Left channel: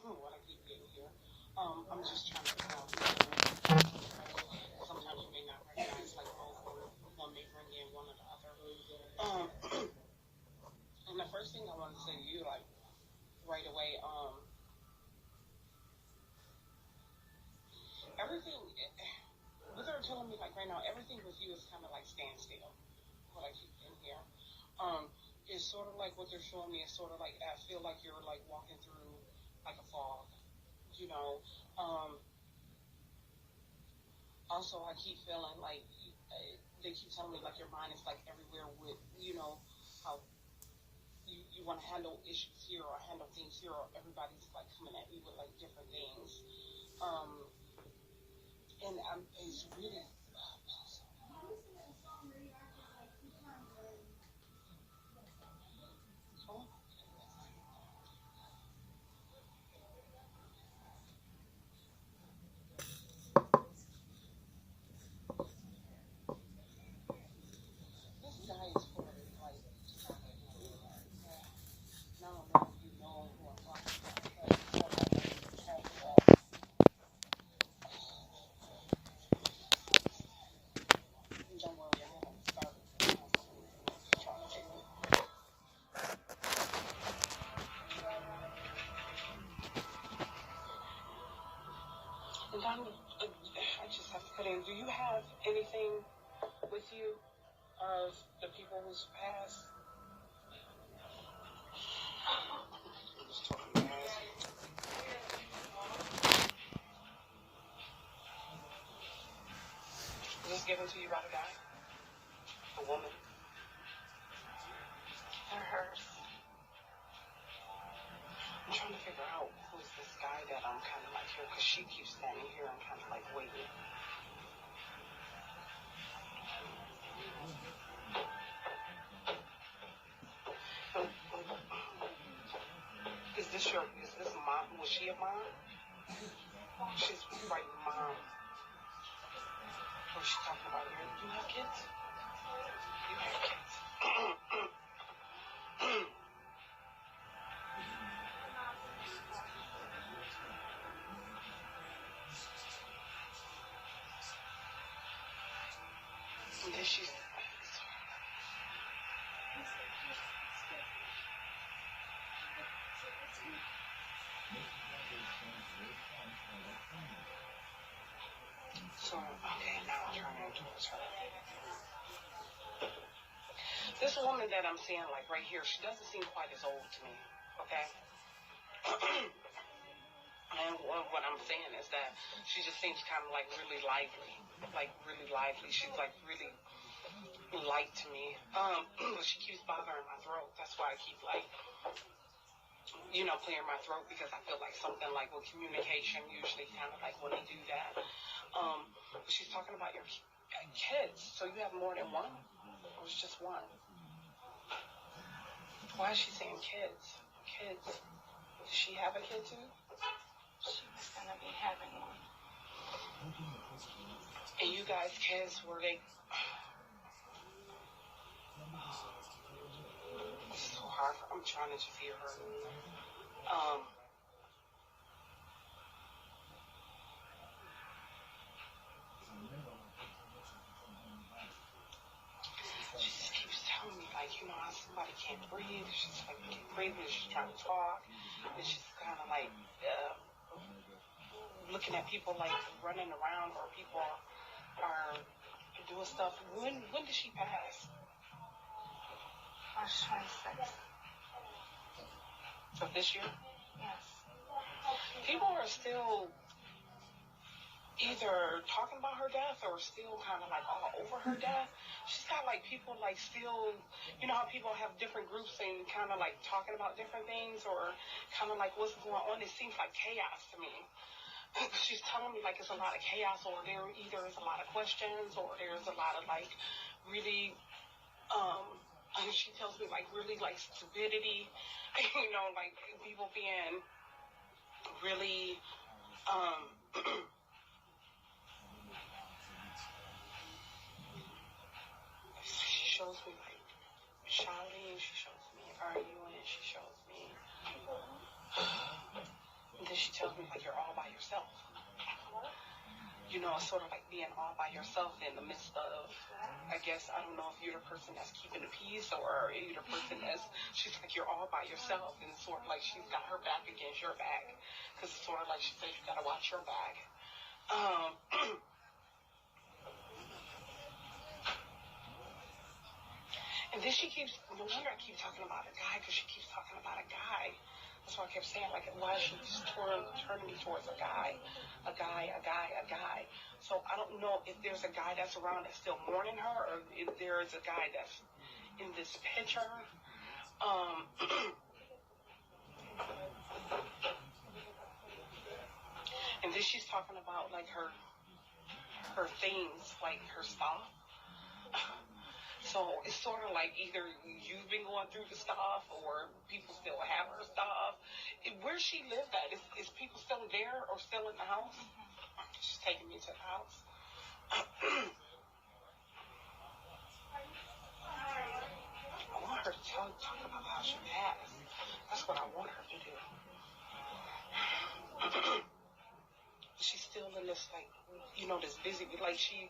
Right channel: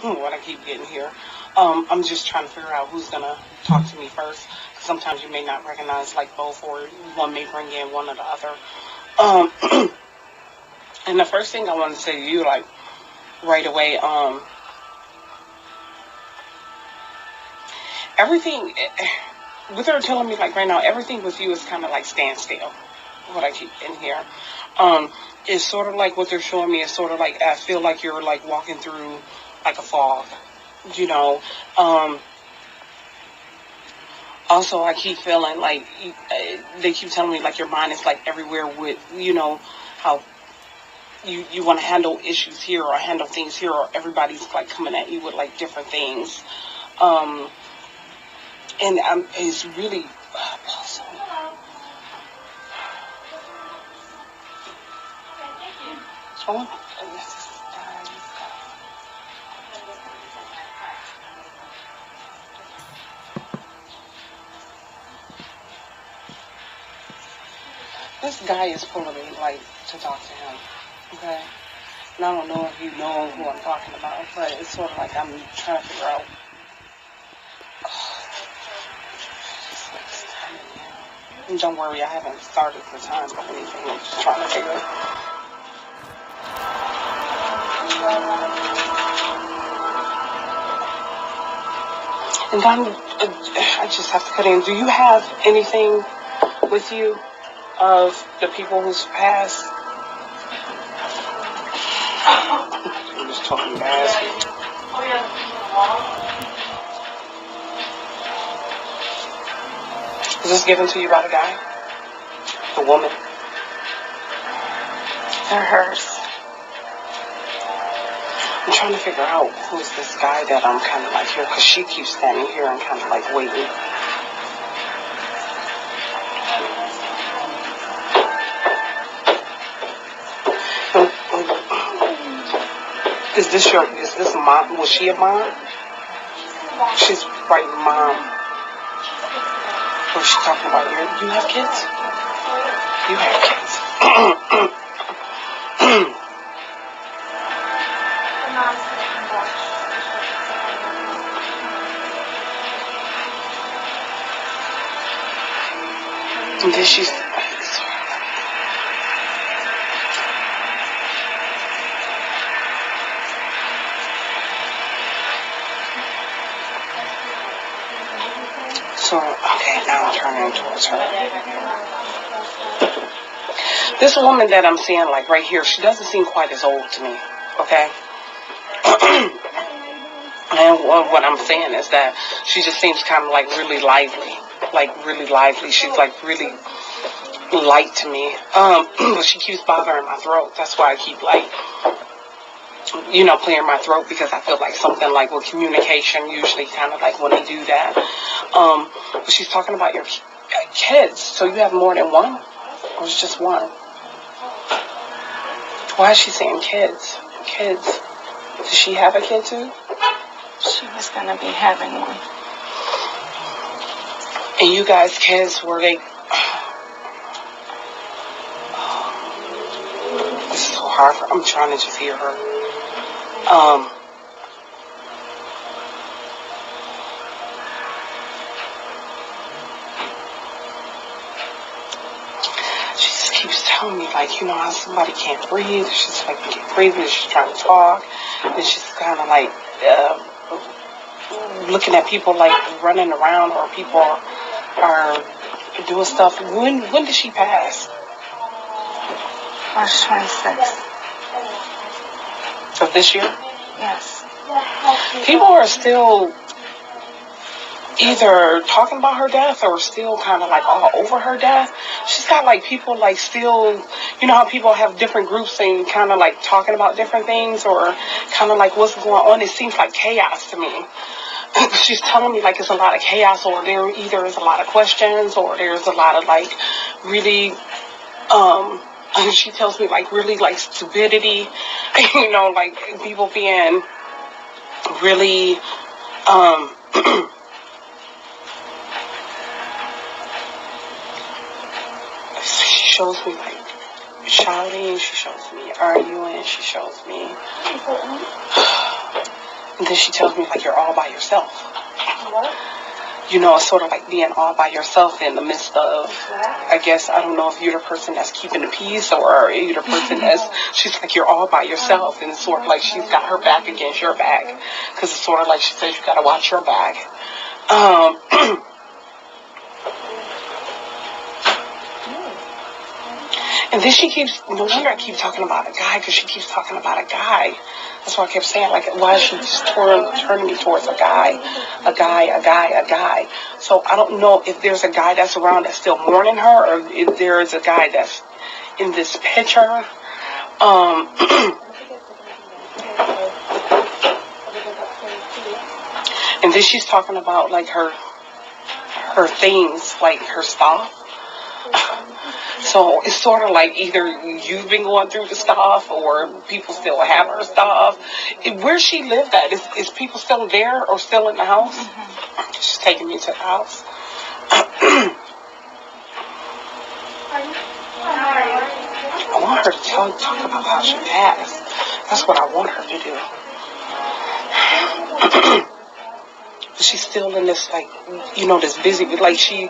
what I keep getting here. I'm just trying to figure out who's gonna talk to me first. 'Cause sometimes you may not recognize like both, or one may bring in one or the other. And the first thing I want to say to you, like right away, everything. What they're telling me, like right now, everything with you is kind of like standstill. What I keep in here, is sort of like what they're showing me is sort of like I feel like you're like walking through like a fog, you know. Um, Also, I keep feeling like they keep telling me like your mind is like everywhere with how you want to handle issues here or handle things here, or everybody's like coming at you with like different things. Um, and it's really oh my goodness. This guy is pulling me like to talk to him. Okay. And I don't know if you know who I'm talking about, but it's sort of like I'm trying to figure out. And don't worry, I haven't started the time or anything. I'm just trying to figure. And I just have to cut in. Do you have anything with you of the people who's passed? I'm just talking fast. Is this given to you by the guy? The woman? They're hers. I'm trying to figure out who's this guy that I'm kind of like here, because she keeps standing here and kind of like waiting. Is this mom? Was she a mom? She's right, mom. Was she talking about you have kids? You have kids. And then she's so okay, now I'm turning towards her. This woman that I'm seeing like right here, she doesn't seem quite as old to me, okay? And what I'm saying is that she just seems kind of like really lively. Like really lively. She's like really light to me. But she keeps bothering my throat. That's why I keep like, clearing my throat, because I feel like something like with communication, usually kind of like when they do that. But she's talking about your kids. So you have more than one? Or it's just one? Why is she saying kids? Kids. Does she have a kid too? She was going to be having one. And you guys' kids, were they... This is so hard. I'm trying to just hear her. She just keeps telling me, like, how somebody can't breathe. She's like, can't breathe, and she's trying to talk. And she's kind of like looking at people like running around, or people are doing stuff. When did she pass? March 26th. Of this year? Yes. People are still either talking about her death or still kind of like all over her death. She's got like people like still, how people have different groups and kind of like talking about different things, or kind of like what's going on. It seems like chaos to me. She's telling me like it's a lot of chaos, or there either is a lot of questions, or there's a lot of like really, and she tells me like really like stupidity, like people being really, she shows me like shouting, she shows me arguing, she shows me. And then she tells me, like, you're all by yourself. You know, it's sort of like being all by yourself in the midst of, I guess, I don't know if you're the person that's keeping the peace or you're the person that's, she's like, you're all by yourself. And it's sort of like she's got her back against your back. Because it's sort of like she says, you got to watch your back. And then she keeps, no wonder I keep talking about a guy, because she keeps talking about a guy. That's why I kept saying, like, why is she just turning me towards a guy? A guy. So I don't know if there's a guy that's around that's still mourning her, or if there is a guy that's in this picture. And then she's talking about, like, her things, like her stuff. So it's sort of like either you've been going through the stuff or people still have her stuff. Where she lived at, is people still there or still in the house? Mm-hmm. She's taking me to the house. I want her to talk about how she passed. That's what I want her to do. But she's still in this, like, you know, this busy, like she's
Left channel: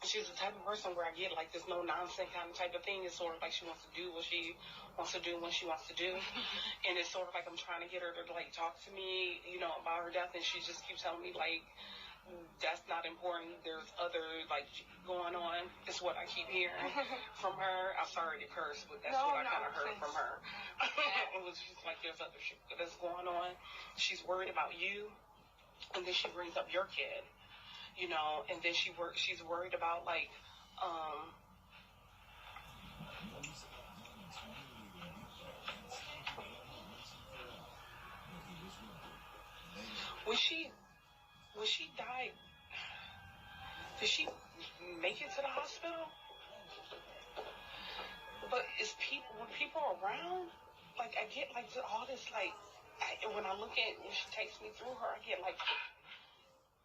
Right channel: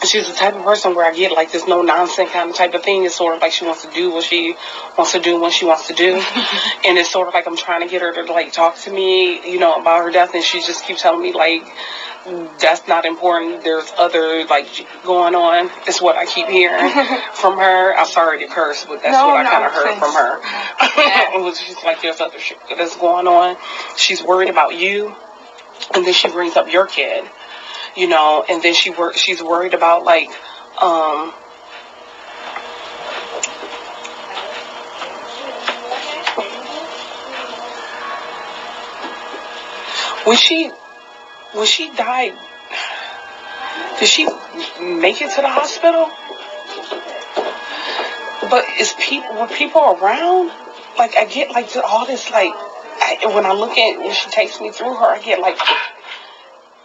the type of person where I get, like, this no nonsense kind of type of thing. It's sort of like she wants to do what she wants to do when she wants to do. And it's sort of like I'm trying to get her to, like, talk to me, you know, about her death. And she just keeps telling me, like, that's not important. There's other, like, going on. It's what I keep hearing from her. I'm sorry to curse, but that's what I kind of heard from her. It was just like, there's other shit that's going on. She's worried about you. And then she brings up your kid. You know, and then she's worried about, like, when she died, did she make it to the hospital? But were people around? Like, I get, like, all this, like, when I look at, when she takes me through her, I get, like,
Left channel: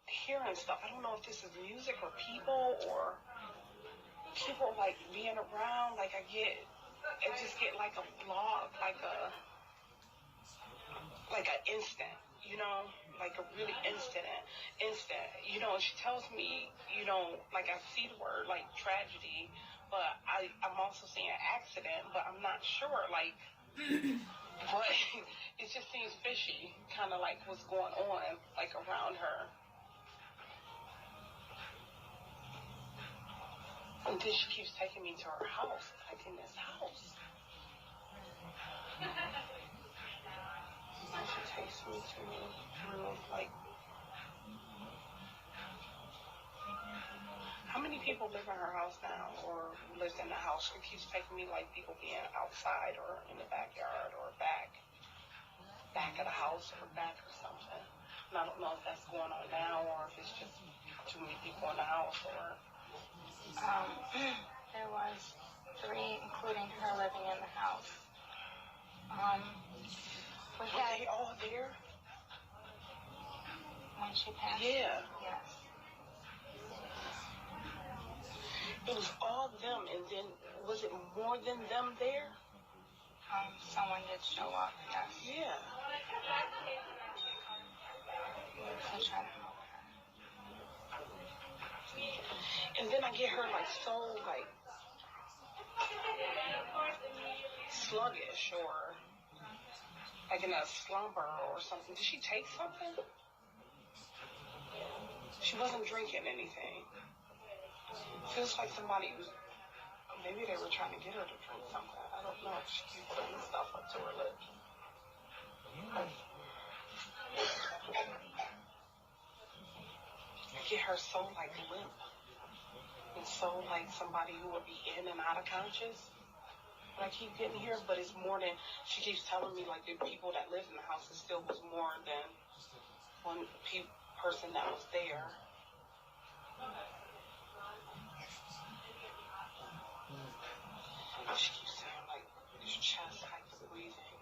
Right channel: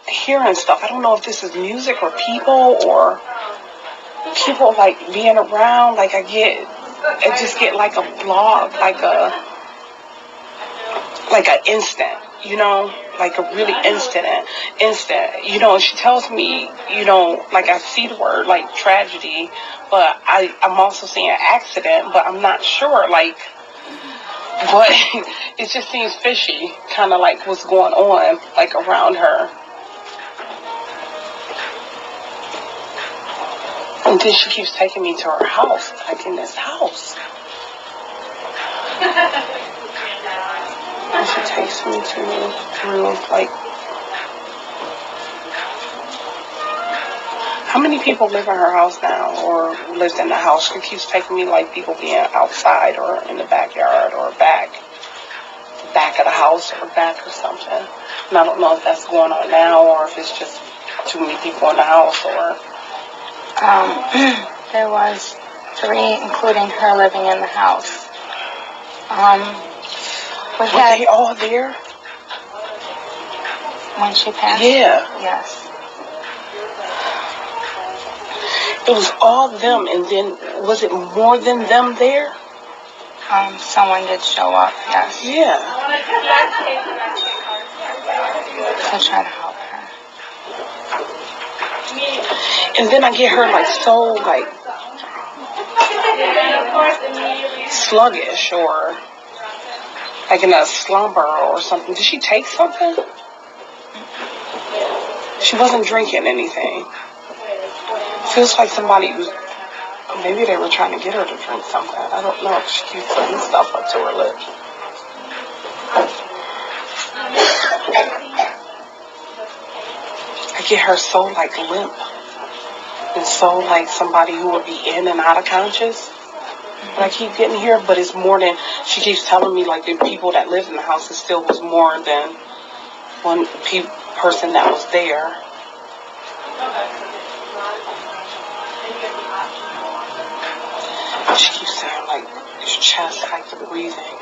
hearing stuff. I don't know if this is music or people like being around. Like, I just get like a blog, like an instant, you know, like a really instant, you know. She tells me, you know, like, I see the word, like, tragedy, but I'm also seeing accident, but I'm not sure, like, but it just seems fishy, kind of like what's going on, like, around her. And then she keeps taking me to her house, like, in this house. And she takes me through, like, how many people live in her house now, or lived in the house? She keeps taking me, like, people being outside or in the backyard or back of the house or back or something. And I don't know if that's going on now or if it's just too many people in the house or... There was 3, including her living in the house. Were they all there? When she passed? Yeah. Yes. It was all them, and then, was it more than them there? Someone did show up, yes. Yeah. To try to help her. And then I get her, like, so, like, sluggish or, like, in a slumber or something. Did she take something? She wasn't drinking anything. Feels like somebody was, maybe they were trying to get her to drink something. I don't know. She keeps putting stuff up to her lips. I get her so, like, limp. And so, like, somebody who would be in and out of conscious. But I keep getting here, but it's more than, she keeps telling me, like, the people that lived in the house, it still was more than one person that was there. She keeps saying, like, your chest, like, the breathing.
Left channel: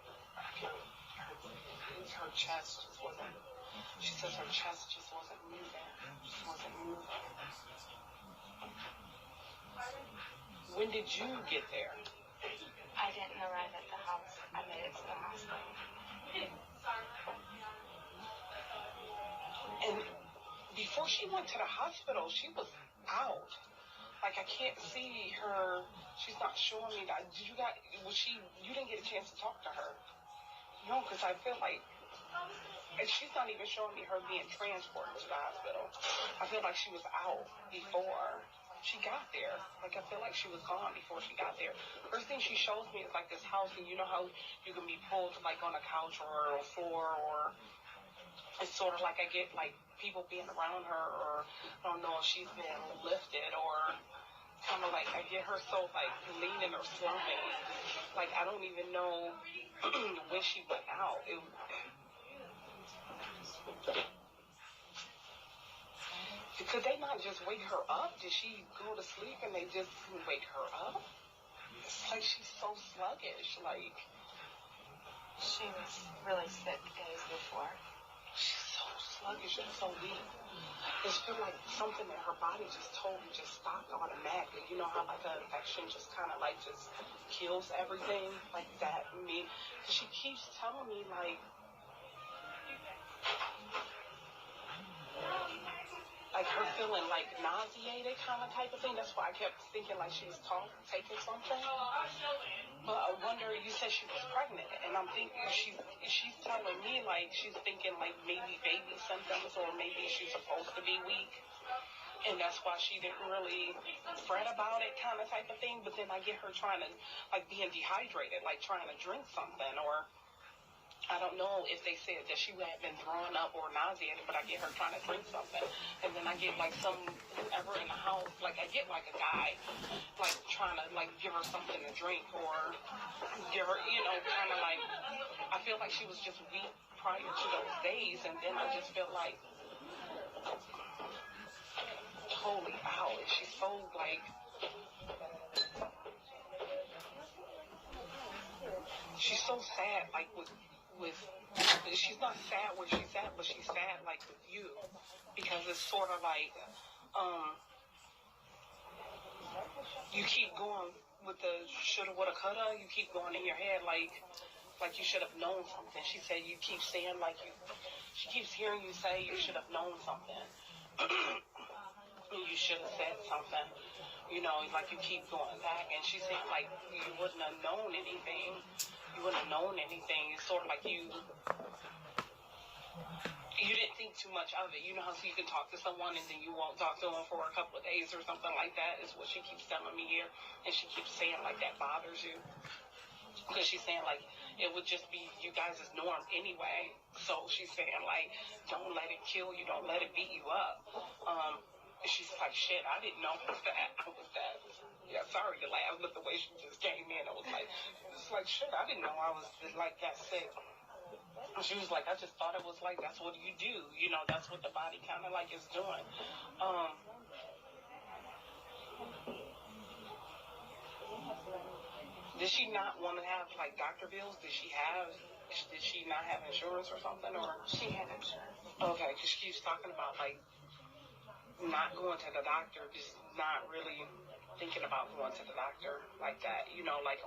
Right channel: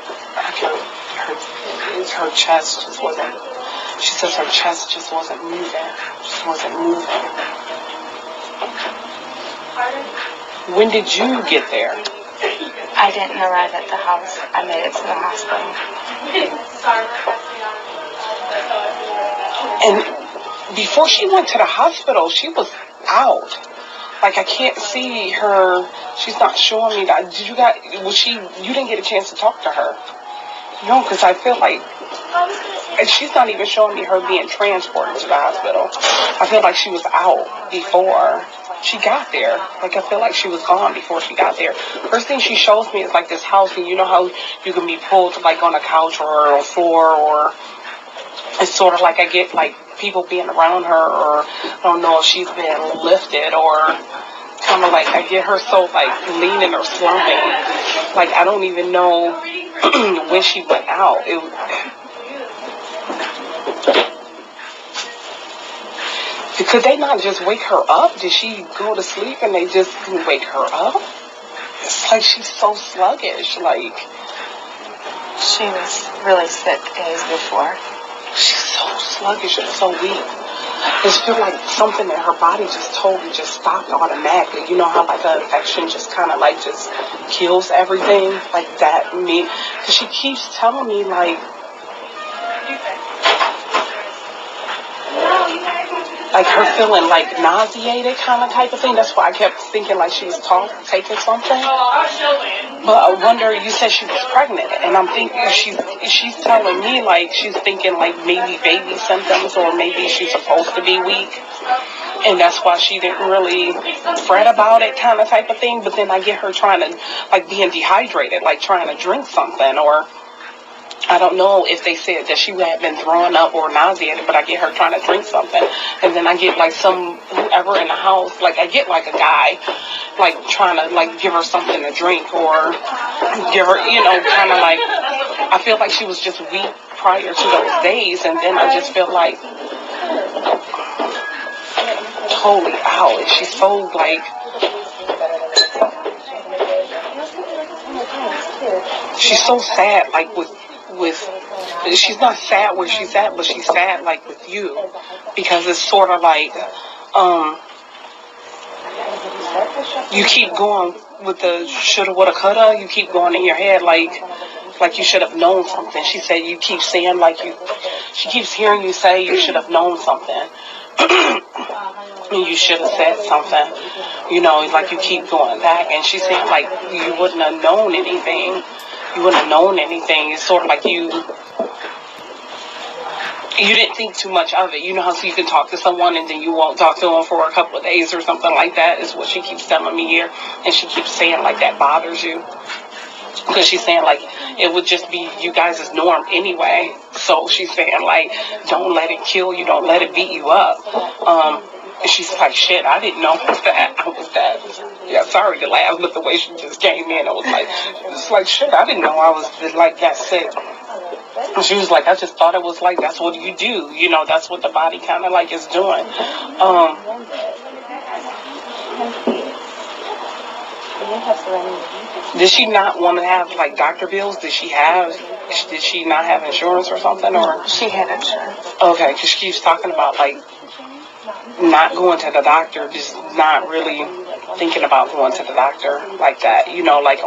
Her chest just wasn't, she says her chest just wasn't moving. When did you get there? I didn't arrive at the house. I made it to the hospital. And before she went to the hospital, she was out. Like, I can't see her. She's not showing me that. You didn't get a chance to talk to her. No, because I feel like, and she's not even showing me her being transported to the hospital. I feel like she was out before she got there. Like, I feel like she was gone before she got there. First thing she shows me is like this house, and you know how you can be pulled like on a couch or on a floor, or it's sort of like I get like people being around her, or I don't know if she's been lifted, or kind of like I get her so like leaning or slumping. Like, I don't even know when she went out. Could they not just wake her up? Did she go to sleep and they just couldn't wake her up? It's like she's so sluggish. Like, She was really sick days before. she's so sluggish and so weak. I just feel like something in her body just totally just stopped automatically. You know how like an infection just kind of like just kills everything like that. Because she keeps telling me like her feeling like nauseated kind of type of thing. That's why I kept thinking like she was taking something. But I wonder, you said she was pregnant, and I'm thinking she's telling me like she's thinking like maybe baby symptoms, or maybe she's supposed to be weak, and that's why she didn't really fret about it kind of type of thing. But then I get her trying to like being dehydrated, like trying to drink something, or I don't know if they said that she had been throwing up or nauseated, but I get her trying to drink something. And then I get like whoever in the house, like I get like a guy, like trying to like give her something to drink, or give her, kind of like, I feel like she was just weak prior to those days. And then I just feel like totally out. And she's so like, she's so sad, like with she's not sad where she's at, but she's sad like with you, because it's sort of like you keep going with the shoulda, woulda, coulda. You keep going in your head like you should have known something. She said you keep saying she keeps hearing you say you should have known something. You should have said something, like you keep going back. And she said like you wouldn't have known anything. You wouldn't have known anything. It's sort of like you didn't think too much of it. You know how so you can talk to someone and then you won't talk to them for a couple of days or something like that, is what she keeps telling me here. And she keeps saying like that bothers you. Because she's saying like it would just be you guys' norm anyway. So she's saying like don't let it kill you, don't let it beat you up. And she's like, shit, I didn't know that. I was that. Yeah, sorry to laugh, but the way she just came in, it's like, shit, I didn't know I was like that sick. And she was like, I just thought it was like, that's what you do. That's what the body kind of like is doing. Did she not want to have like doctor bills? Did she not have insurance or something? Or She had insurance. Okay, because she keeps talking about like not going to the doctor, just not really thinking about going to the doctor like that, like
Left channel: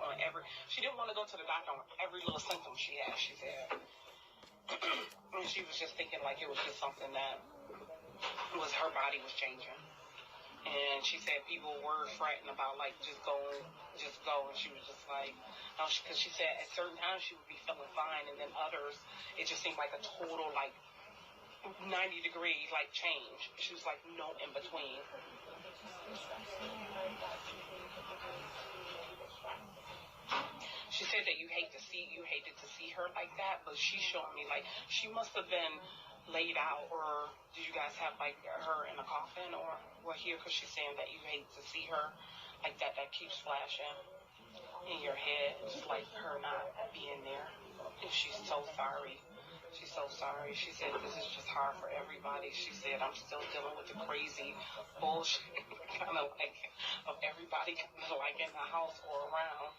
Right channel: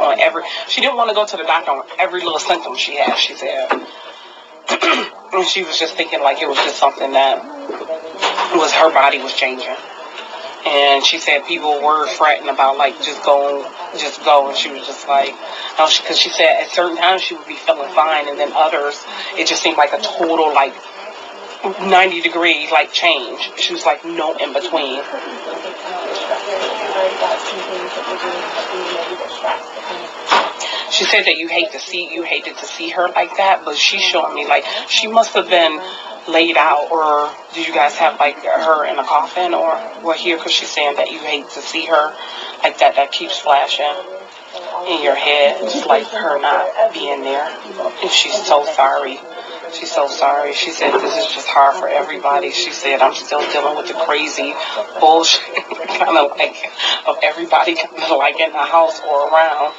she didn't want to go to the doctor on every little symptom she had, she said. And she was just thinking like it was just something that her body was changing. And she said people were fretting about like just go, and she was just like, no, because she said at certain times she would be feeling fine, and then others it just seemed like a total like 90-degree like change. She was like no in between. She said that you hated to see her like that, but she's showing me like she must have been laid out, or did you guys have like her in a coffin or what here? Because she's saying that you hate to see her like that. That keeps flashing in your head, just like her not being there. And she's so sorry. She's so sorry. She said this is just hard for everybody. She said I'm still dealing with the crazy bullshit kind of like of everybody kind of like in the house or around.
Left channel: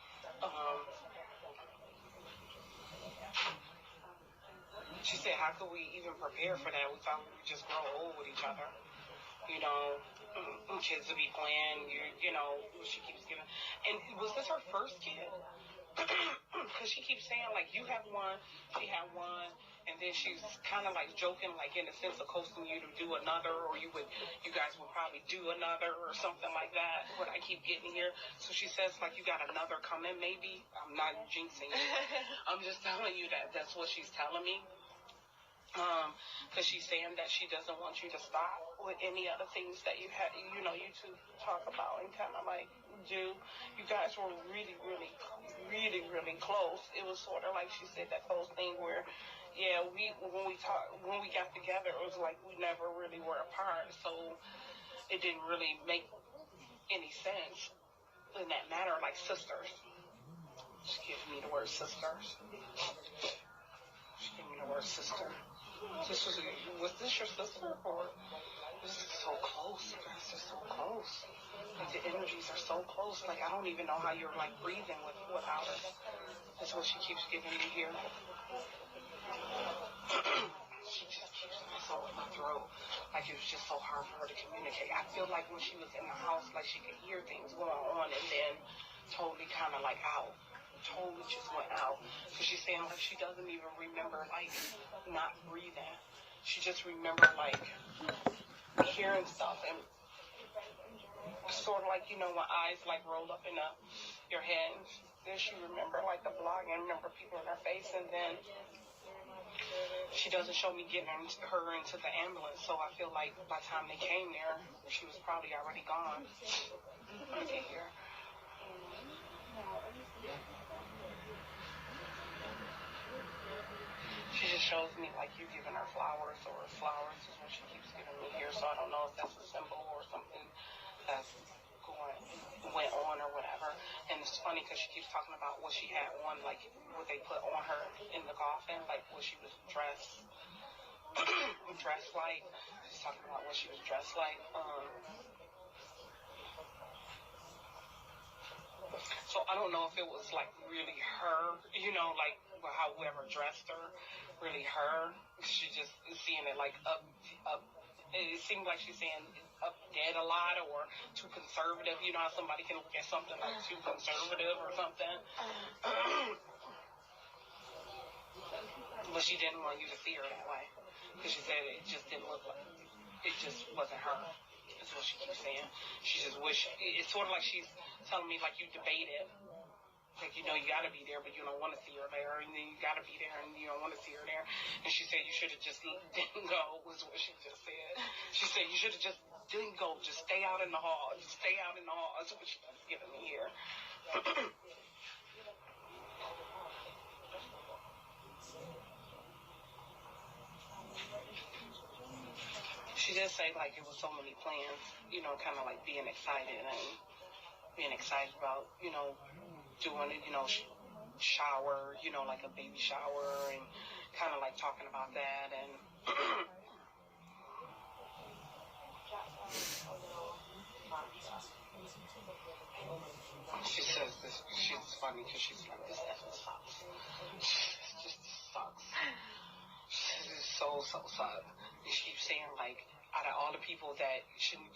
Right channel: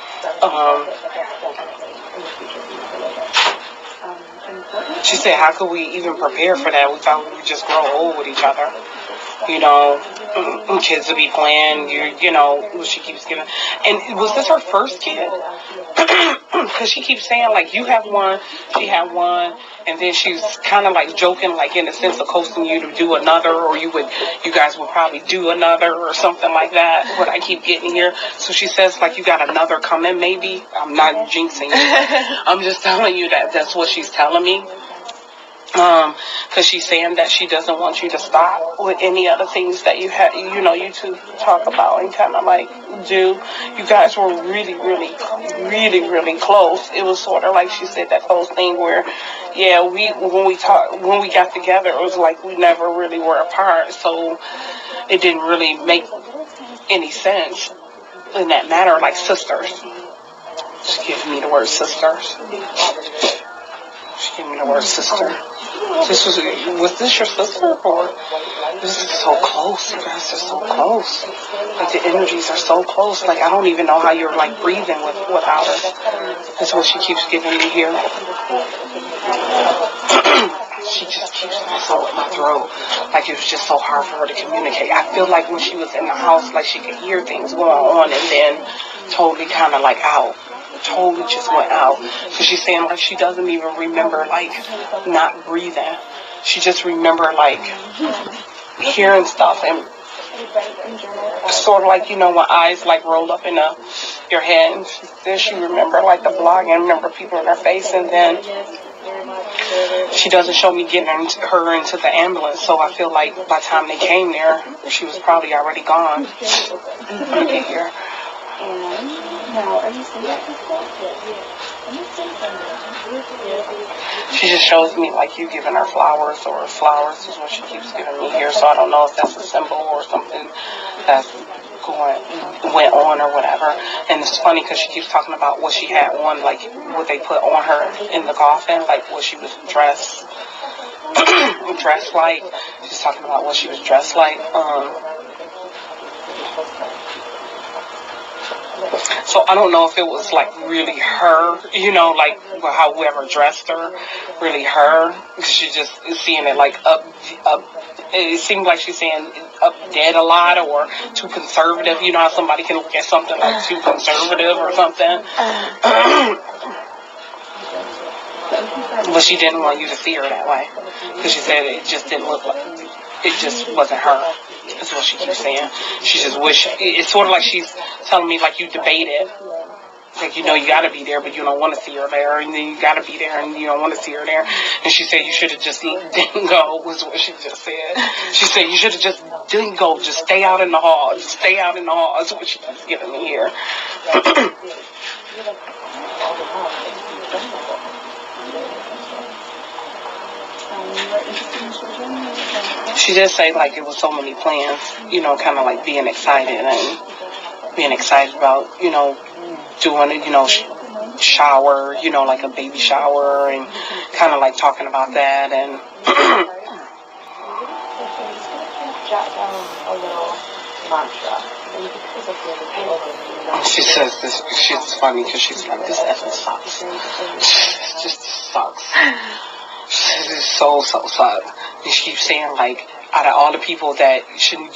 She said, how could we even prepare for that? We thought we would just grow old with each other. you know, kids to be playing, you know, she keeps giving. And was this her first kid? Because she keeps saying, like, you have one, she had one, and then she's kind of like joking, like in the sense of coaxing you to do another, or you guys would probably do another or something like that, what I keep getting here. So she says, like, you got another coming, maybe. I'm not jinxing you. I'm just telling you that that's what she's telling me. Because she's saying that she doesn't want you to stop with any other things that you have, you know, you two talk about and kind of like do. You guys were really, really, really, really close. It was sort of like she said that close thing where, yeah, when we got together, it was like we never really were apart. So it didn't really make any sense in that matter, like sisters. She gave me the word sisters. She gave me the word sister. Was this your sister, or this is so close? You guys are so close. Like the energies are so close. Like I don't even know how you're like breathing without her. That's what she keeps giving me here. She just keeps messing with my throat. Like it was just so hard for her to communicate. I feel like when she was in the house, like she could hear things going on, and then totally kind of like out. Totally just went out. So she's saying like she doesn't even remember like not breathing. She just remember like hearing stuff and sort of like, you know, when eyes like roll up in your head. And then she remember like the blog and remember people in her face, and then she doesn't show me getting her into the ambulance. So I feel like by the time they came there, she was probably already gone. Let me get here. She just shows me like you giving her flowers, or flowers is what she keeps giving me here. So I don't know if that's a symbol or something that's went on or whatever. And it's funny because she keeps talking about what she had on, like what they put on her in the coffin, like what she was dressed like. She's talking about what she was dressed like. So I don't know if it was like really her, you know, like how whoever dressed her, really her. She just is seeing it like up. It seemed like she's saying up dead a lot or too conservative. You know how somebody can look at something like too conservative or something. But she didn't want you to see her that way because she said it just didn't look like, it just wasn't her. That's what she keeps saying. She just wish, it's sort of like she's telling me like you debated. Like, you know, you got to be there, but you don't want to see her there. And then you got to be there, and you don't want to see her there. And she said you should have just didn't go, was what she just said. She said you should have just didn't go. Just stay out in the hall. Just stay out in the hall. That's what she keeps giving me here. She did say, like, it was so many plans, you know, kind of like being excited about, you know, doing it, you know, shower, you know, like a baby shower, and kind of like talking about that. And she says this, she's funny because she's like, this effing sucks. It just sucks. This is so sucks. And she keeps saying, like, out of all the people that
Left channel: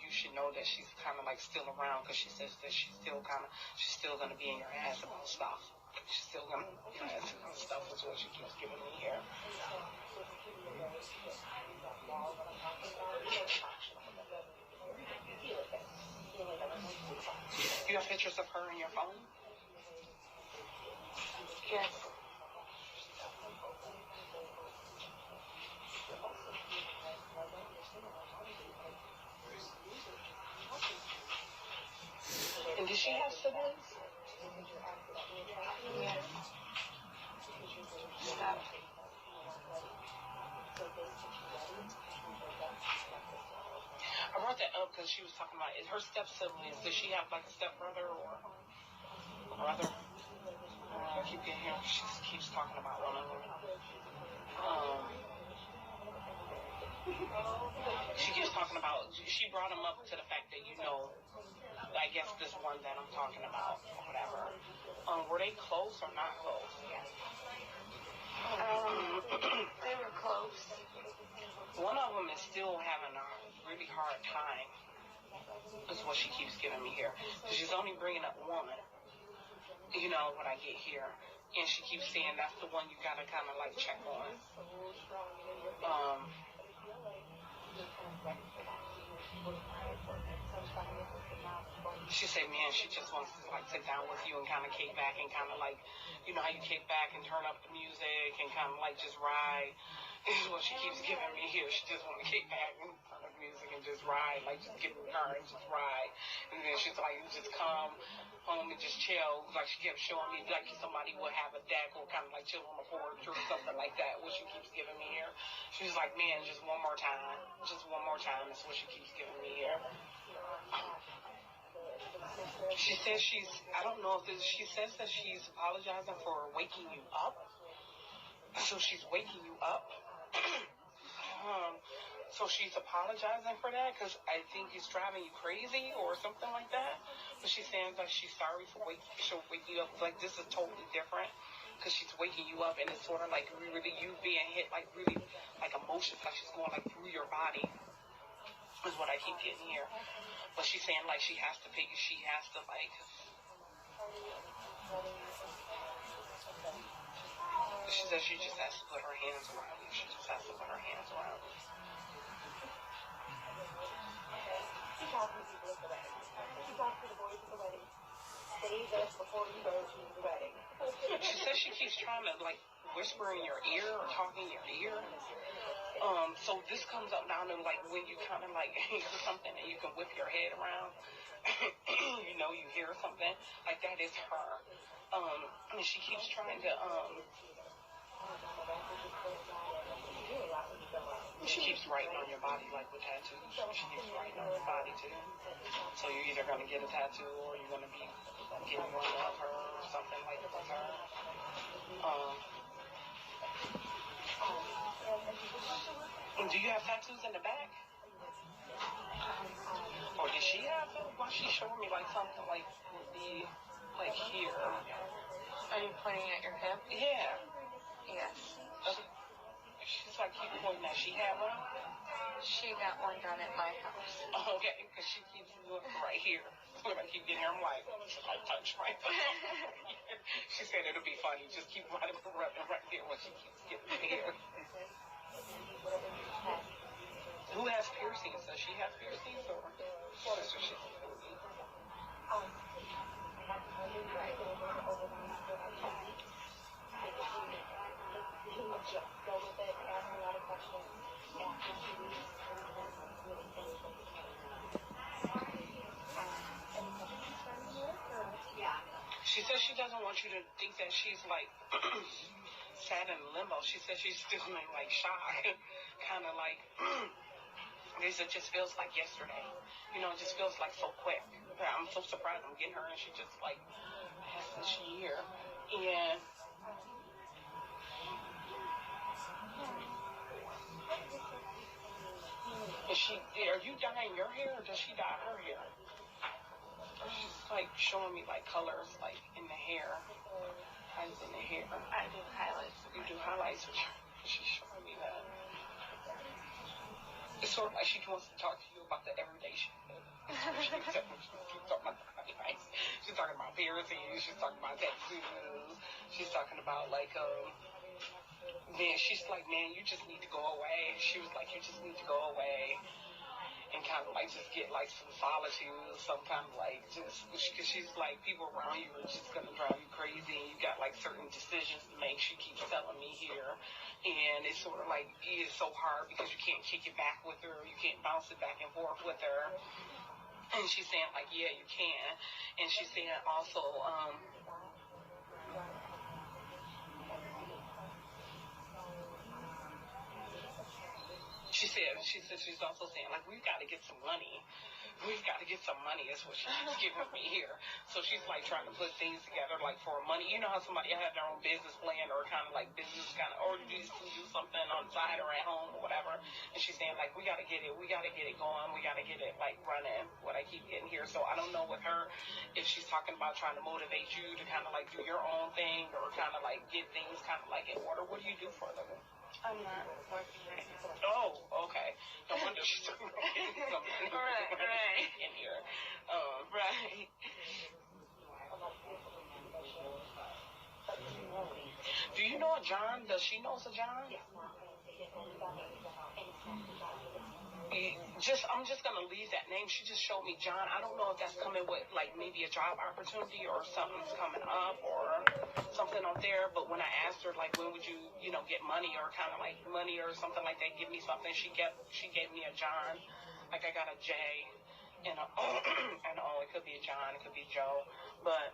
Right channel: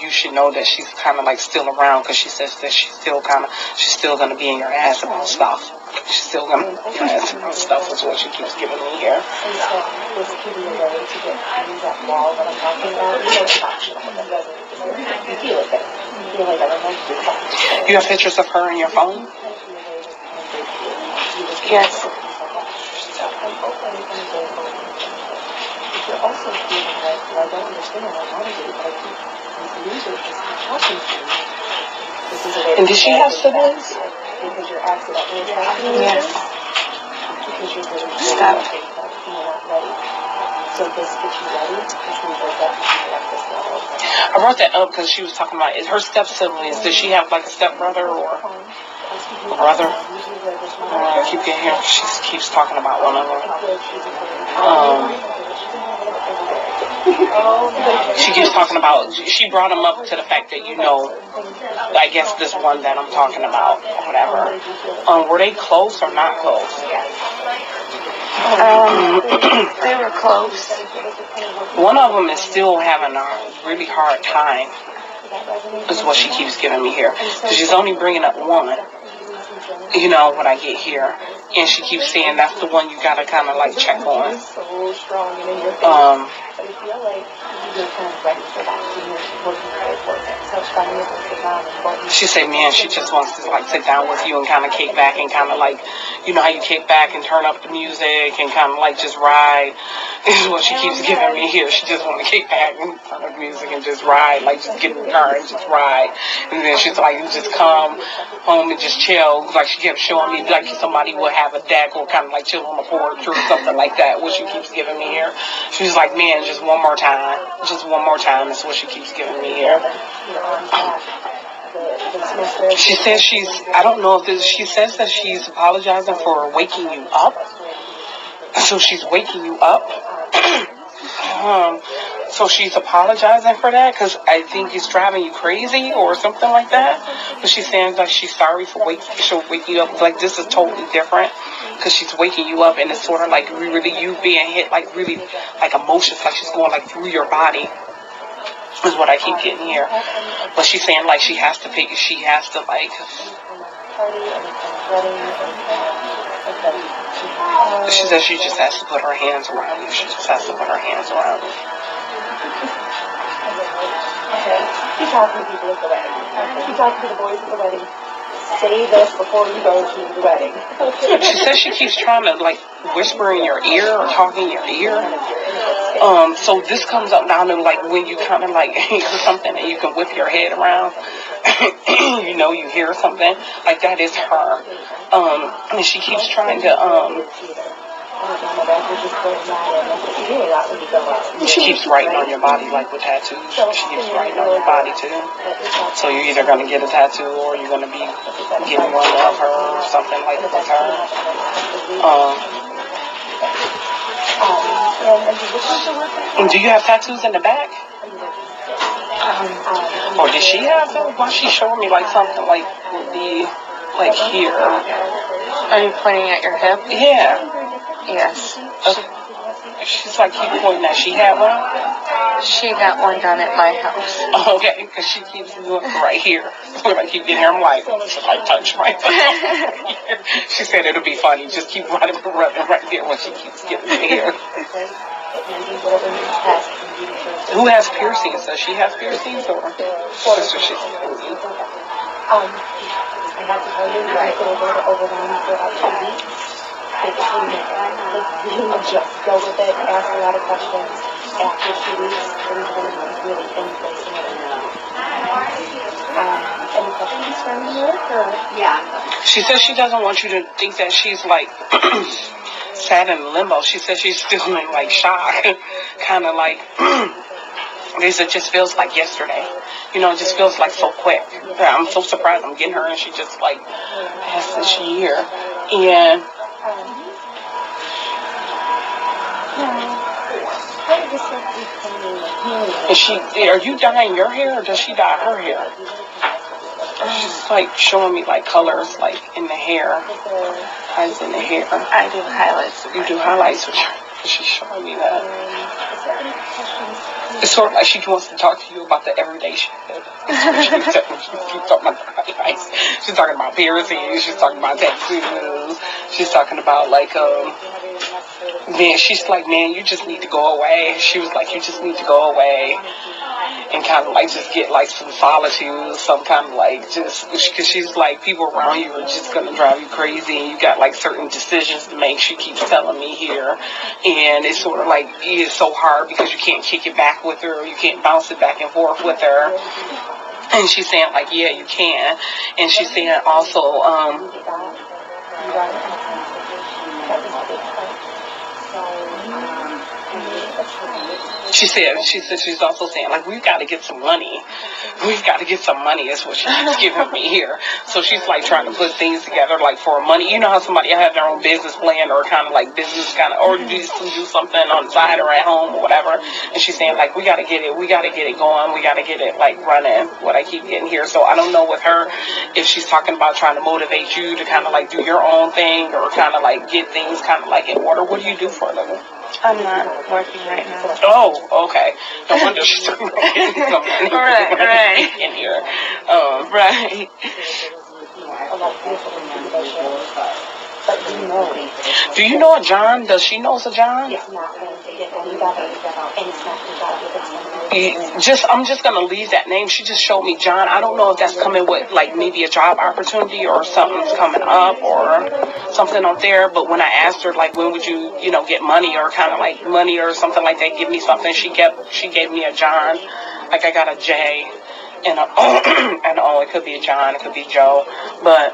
you should know that she's kind of like still around, because she says that she's still going to be in your ass about stuff. She's still going to be in your ass about stuff is what she keeps giving me here. You have pictures of her in your phone? Yes. And did she have siblings? Yes. Stop. I brought that up because she was talking about her step siblings. Does she have like a step brother or a brother? I keep getting here. She keeps talking about one of them. She keeps talking about, she brought him up to the fact that, you know, I guess this one that I'm talking about, or whatever. Were they close or not close? They were close. One of them is still having a really hard time, is what she keeps giving me here. So she's only bringing up one, you know, when I get here. And she keeps saying that's the one you gotta kind of like check on. She said, man, she just wants to like sit down with you and kind of kick back and kind of like, you know how you kick back and turn up the music and kind of like just ride. This is what she keeps giving me here. She just want to kick back and turn up the music and just ride, like just get in the car and just ride. And then she's like, just come home and just chill. Like she kept showing me like somebody would have a deck or kind of like chill on the porch or something like that. What she keeps giving me here. She's like, man, just one more time. Just one more time is what she keeps giving me here. She says I don't know if she says that she's apologizing for waking you up. So she's waking you up. So she's apologizing for that because I think it's driving you crazy or something like that. But she's saying like she's sorry for she'll wake you up. Like this is totally different because she's waking you up and it's sort of like really you being hit like really like emotions, like she's going like through your body. Is what I keep getting here. But she's saying like she has to like she says she just has to put her hands around you. She just has to put her hands around you. Keep talking to people at the wedding. Keep talking to the boys at the wedding. Say this before you go to the wedding. She says she keeps trying to like whisper in your ear or talk in your ear. So this comes up now to like when you kind of like hear something and you can whip your head around. You know, you hear something like that is her. And she keeps trying to she keeps writing on your body like with tattoos. She keeps writing on your body too. So you're either gonna get a tattoo or you're gonna be getting one of her or something like with her. And do you have tattoos in the back? Or did she have them? Why she's showing me like something like would be like here? Are you pointing at your hip? Yeah. Yes. She's like keep pointing that she had one. She got one done at my house. Okay, because she keeps doing it right here. When I keep getting here, I'm like, should I touch my here? She said it'll be funny. Just keep running right there when she keeps getting me here. Who has piercings? Does she have piercings or? I have to tell you, I could have overwhelmed for about 2 weeks. Just go with it, ask a lot of questions. After 2 weeks, things are going to be really in place and everything. Any questions from you? Yeah. She says she doesn't want you to think that she's like sad in limbo. She says she's still in like shock, kind of like. It just feels like yesterday. You know, it just feels like so quick. I'm so surprised I'm getting her and she just like passed this year. And are you dyeing your hair or does she dye her hair? She's like showing me like colors like in the hair. Highlights in the hair. I do highlights. You do highlights with her. She's showing me that. It's sort of like she wants to talk to you about the everyday shit. She's talking about the highlights. She's talking about piercings. She's talking about tattoos. She's talking about like man. She's like, man, you just need to go away. She was like, you just need to go away and kind of like just get like some solitude, some kind of like just because she's like people around you are just gonna drive you crazy and you got like certain decisions to make. She keeps telling me here, and it's sort of like it's so hard because you can't kick it back with her, you can't bounce it back and forth with her. And she's saying like, yeah, you can. And she's saying also She said she's also saying, like, we've got to get some money. We've got to get some money is what she keeps giving me here. So she's like trying to put things together like for money. You know how somebody have their own business plan or kind of like business kind of, or do something on the side or at home or whatever. And she's saying like, we got to get it going. We got to get it like running, what I keep getting here. So I don't know with her if she's talking about trying to motivate you to kind of like do your own thing or kind of like get things kind of like in order. What do you do for a living? I'm not working right now. Oh, okay. No wonder she's talking about getting some money. Right. In here. Right. Do you know a John? Does she know a John? I'm just gonna leave that name. She just showed me John. I don't know if that's coming with like maybe a job opportunity or something's coming up or something up there. But when I asked her like when would you get money or kind of like money or something like that, give me something. She gave me a John. Like I got a J and a and it could be a John, it could be Joe, but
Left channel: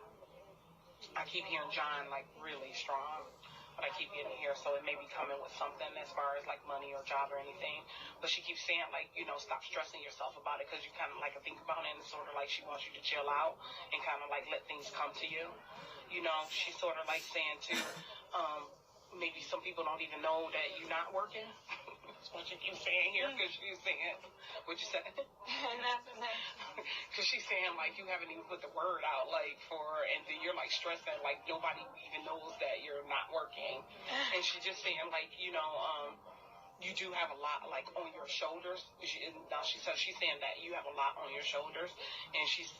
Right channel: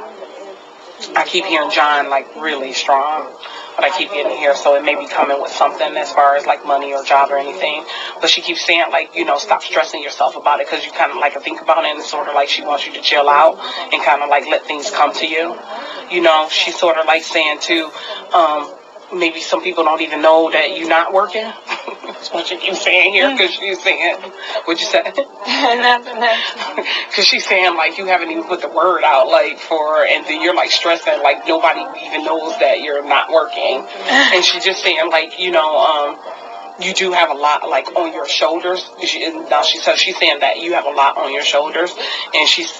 I keep hearing John like really strong. But I keep getting here, so it may be coming with something as far as like money or job or anything. But she keeps saying like, stop stressing yourself about it because you kind of like think about it and it's sort of like she wants you to chill out and kind of like let things come to you. She's sort of like saying too, maybe some people don't even know that you're not working. That's what she keeps saying here because she's saying, what'd you say? Nothing. Because she's saying like you haven't even put the word out like and then you're like stressing like nobody even knows that you're not working. And she's just saying like, you do have a lot like on your shoulders. She's saying that you have a lot on your shoulders, and she's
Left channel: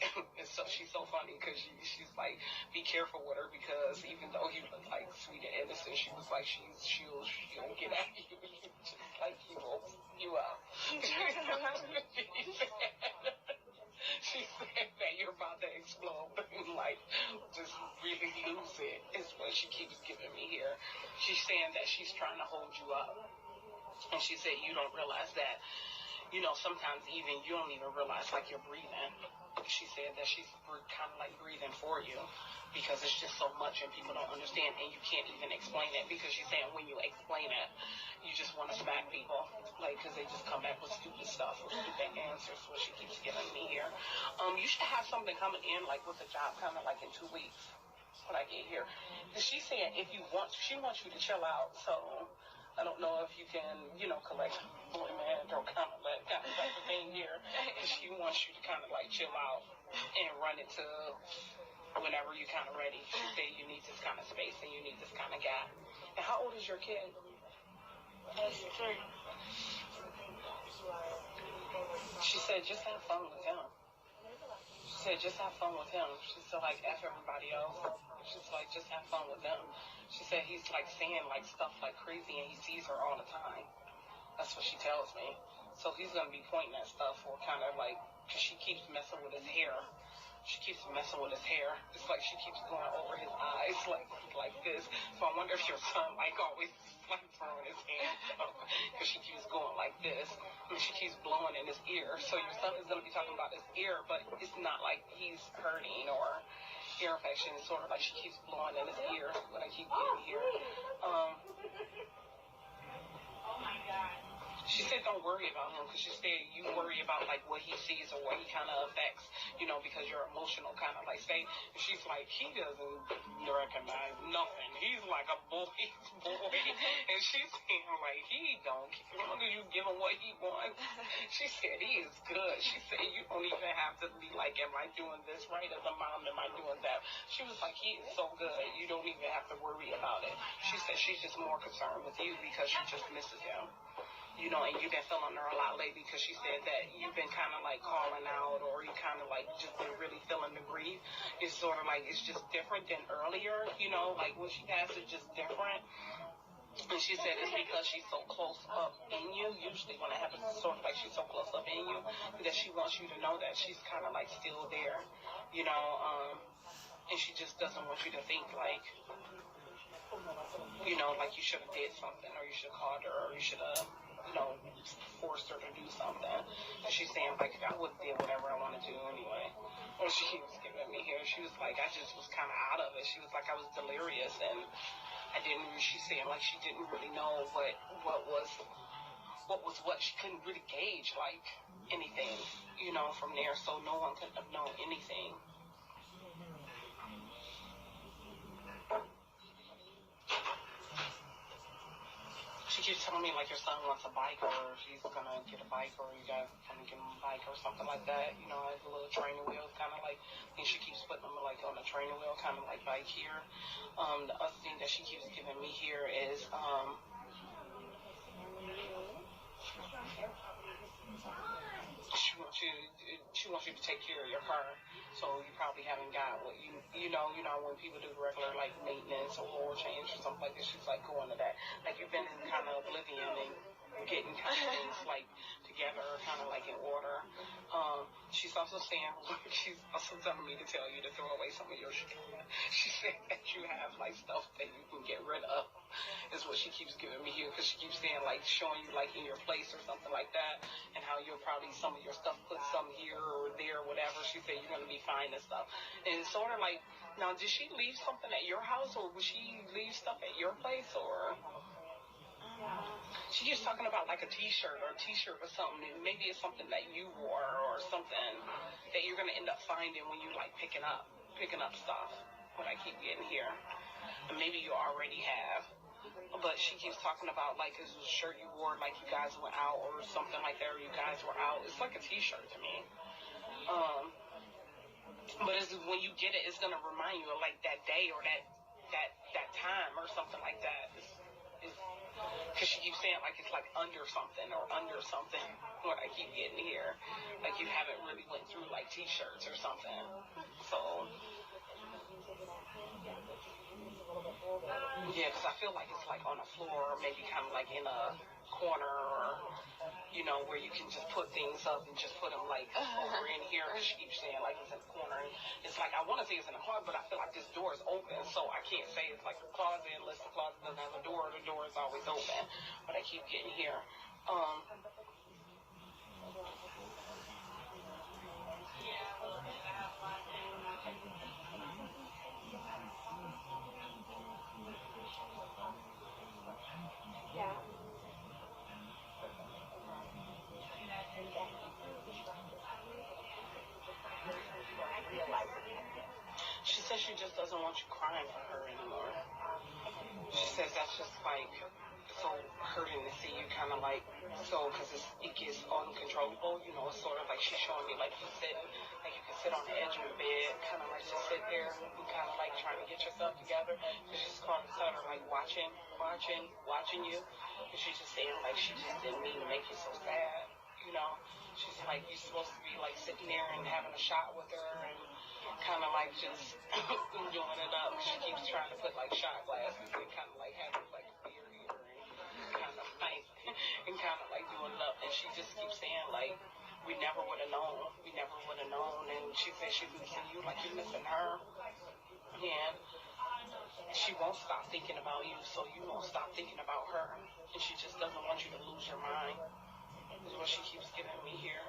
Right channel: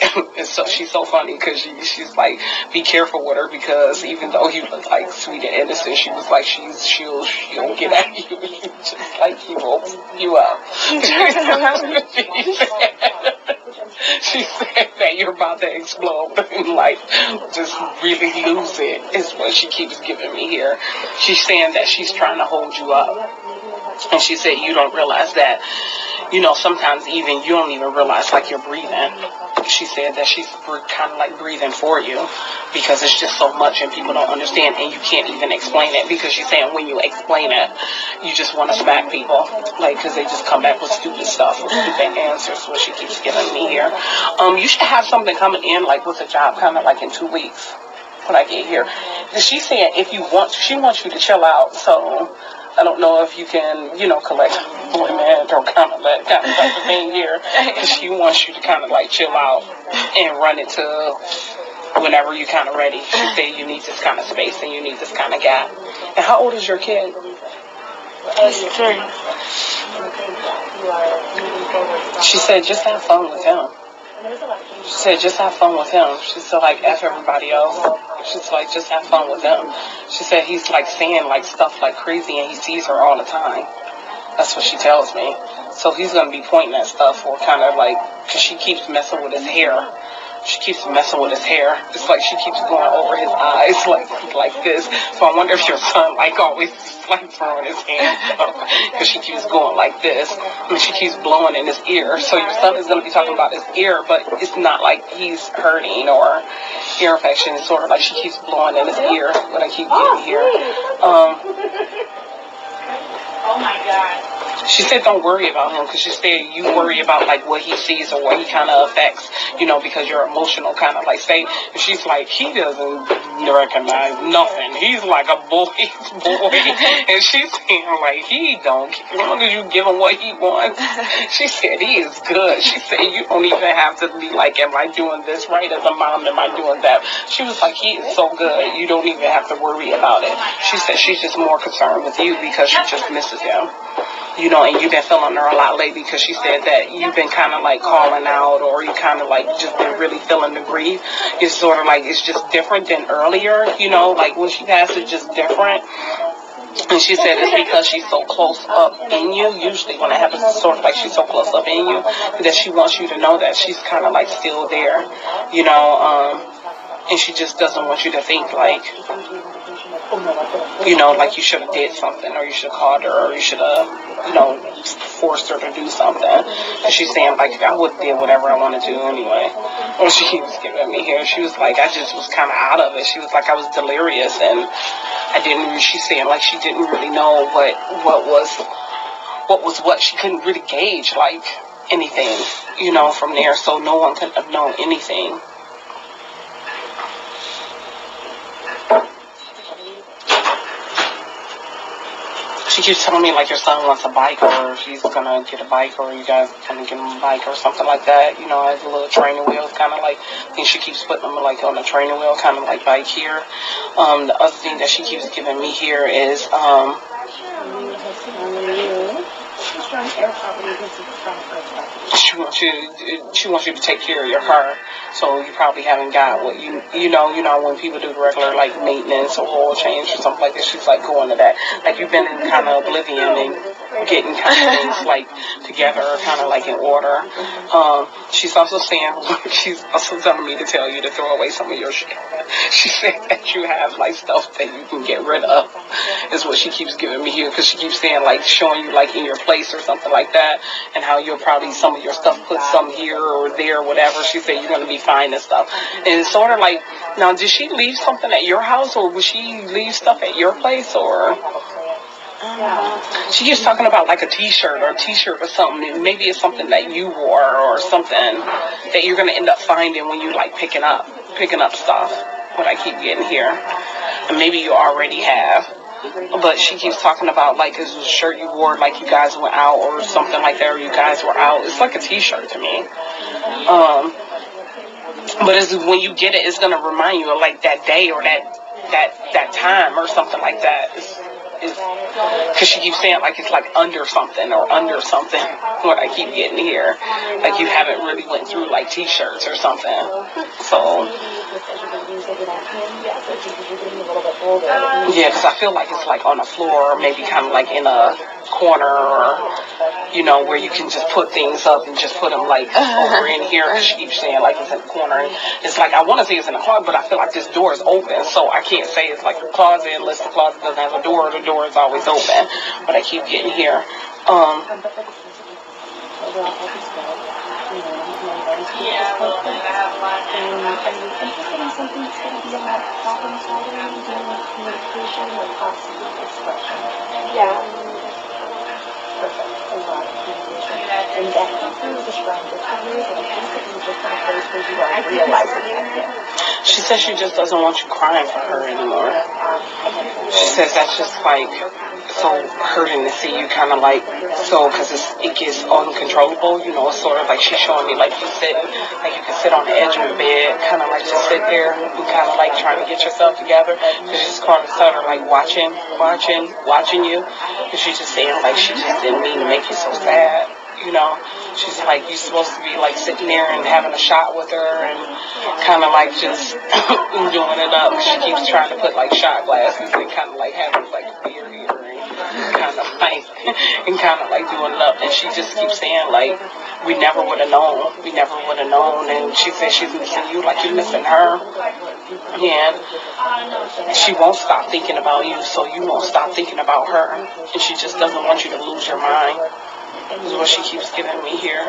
so funny because she's like, be careful with her because even though you look like sweet and innocent, she was like she'll get at you, just like she will you up. She said that you're about to explode in life, just really lose it is what she keeps giving me here. She's saying that she's trying to hold you up. And she said you don't realize that, sometimes even you don't even realize like you're breathing. She said that she's kind of like breathing for you because it's just so much and people don't understand and you can't even explain it because she's saying when you explain it, you just want to smack people like because they just come back with stupid stuff or stupid answers. What she keeps giving me here. You should have something coming in like with a job kind of like in 2 weeks when I get here. And she's saying she wants you to chill out. So I don't know if you can, collect employment or kind of that kind of type of thing here. She wants you to kind of like chill out and run it to whenever you're kind of ready. She said you need this kind of space and you need this kind of gap. And how old is your kid? He's 3. She said just have fun with him. She said just have fun with him. She said like F everybody else. She's like just have fun with him. She said he's like saying like stuff like crazy and he sees her all the time. That's what she tells me. So he's going to be pointing at stuff or kind of like, because she keeps messing with his hair. She keeps messing with his hair. It's like she keeps going over his eyes like this. So I wonder if your son like always like throwing his hands up because she keeps going like this and she keeps blowing in his ear. So your son is going to be talking about his ear, but it's not like he's hurting or ear infection. It's sort of like she keeps blowing in his ear. What I keep getting here. Oh my God. She said don't worry about him because she said you worry about like what he sees or what he kind of affects, because your emotional kind of like state. And she's like, he doesn't recognize nothing. He's like a boy's boy. And she's saying like, he don't care. As long as you give him what he wants. She said he is good. She said you don't even have to be like, am I doing this right as a mom? Am I doing that? She was like, he is so good. You don't even have to worry about it. She said she's just more concerned with you because she just misses him. And you've been feeling her a lot lately because she said that you've been kind of like calling out or you kind of like just been really feeling the grief. It's sort of like it's just different than earlier, like when she passed it's just different. And she said it's because she's so close up in you. Usually when it happens, it's sort of like she's so close up in you that she wants you to know that she's kind of like still there, and she just doesn't want you to think like, like you should have did something or you should have called her or you should have, forced her to do something. And she's saying, like, I would have did whatever I want to do anyway. And she keeps giving me here. She was like, I just was kind of out of it. She was like, I was delirious and she's saying, like, she didn't really know what what was what. She couldn't really gauge like anything, you know, from there. So no one could have known anything. She keeps telling me like your son wants a bike, or if he's gonna get a bike, or you guys gonna get him a bike or something like that. You know, as a little training wheel, kind of like. I think she keeps putting them like on a training wheel, kind of like bike here. The other thing that she keeps giving me here is she wants you to take care of your car. So you probably haven't got what you know when people do the regular like maintenance or oil change or something like that. She's like going to that. Like you've been in kind of oblivion and getting kind of things like together, kind of like in order. She's also saying she's also telling me to tell you to throw away some of your shit. She said that you have like stuff that you can get rid of, is what she keeps giving me here, because she keeps saying like showing you like in your place or something like that, and how you'll probably some of your stuff put some here or there, whatever. She said you're gonna be fine and stuff. And it's sort of like, now did she leave something at your house, or would she leave stuff at your place, or? She keeps talking about like a t-shirt or something, and maybe it's something that you wore or something that you're gonna end up finding when you like picking up stuff. What I keep getting here, and maybe you already have, but she keeps talking about like it's a shirt you wore like you guys went out or something like that, or you guys were out. It's like a t-shirt to me. But it's, when you get it, it's gonna remind you of like that day or that time or something like that. Because she keeps saying like it's like under something or under something. What I keep getting here, like you haven't really went through like t-shirts or something. So yeah, because I feel like it's like on the floor, or maybe kind of like in a corner, or you know, where you can just put things up and just put them like over in here. Because she keeps saying like it's in the corner. And it's like I want to say it's in the closet, but I feel like this door is open, so I can't say it's like a closet unless the closet doesn't have a door. The door is always open, but I keep getting here. She says she just doesn't want you crying for her anymore. She says that's just like so hurting to see you kind of like so, because it gets uncontrollable, you know. It's sort of like she's showing me like you sit, like you can sit on the edge of the bed, kind of like just sit there and kind of like trying to get yourself together. Because she's kind of sort of like watching you, and she's just saying like she just didn't mean to make you so sad, you know. She's like, you're supposed to be like sitting there and having a shot with her and kind of like just doing it up. She keeps trying to put like shot glasses and kind of like having like a beer here and kind of like doing it up. And she just keeps saying like, we never would have known. And she says she's missing you like you're missing her. And she won't stop thinking about you, so you won't stop thinking about her. And she just doesn't want you to lose your mind. Is what she keeps giving me here.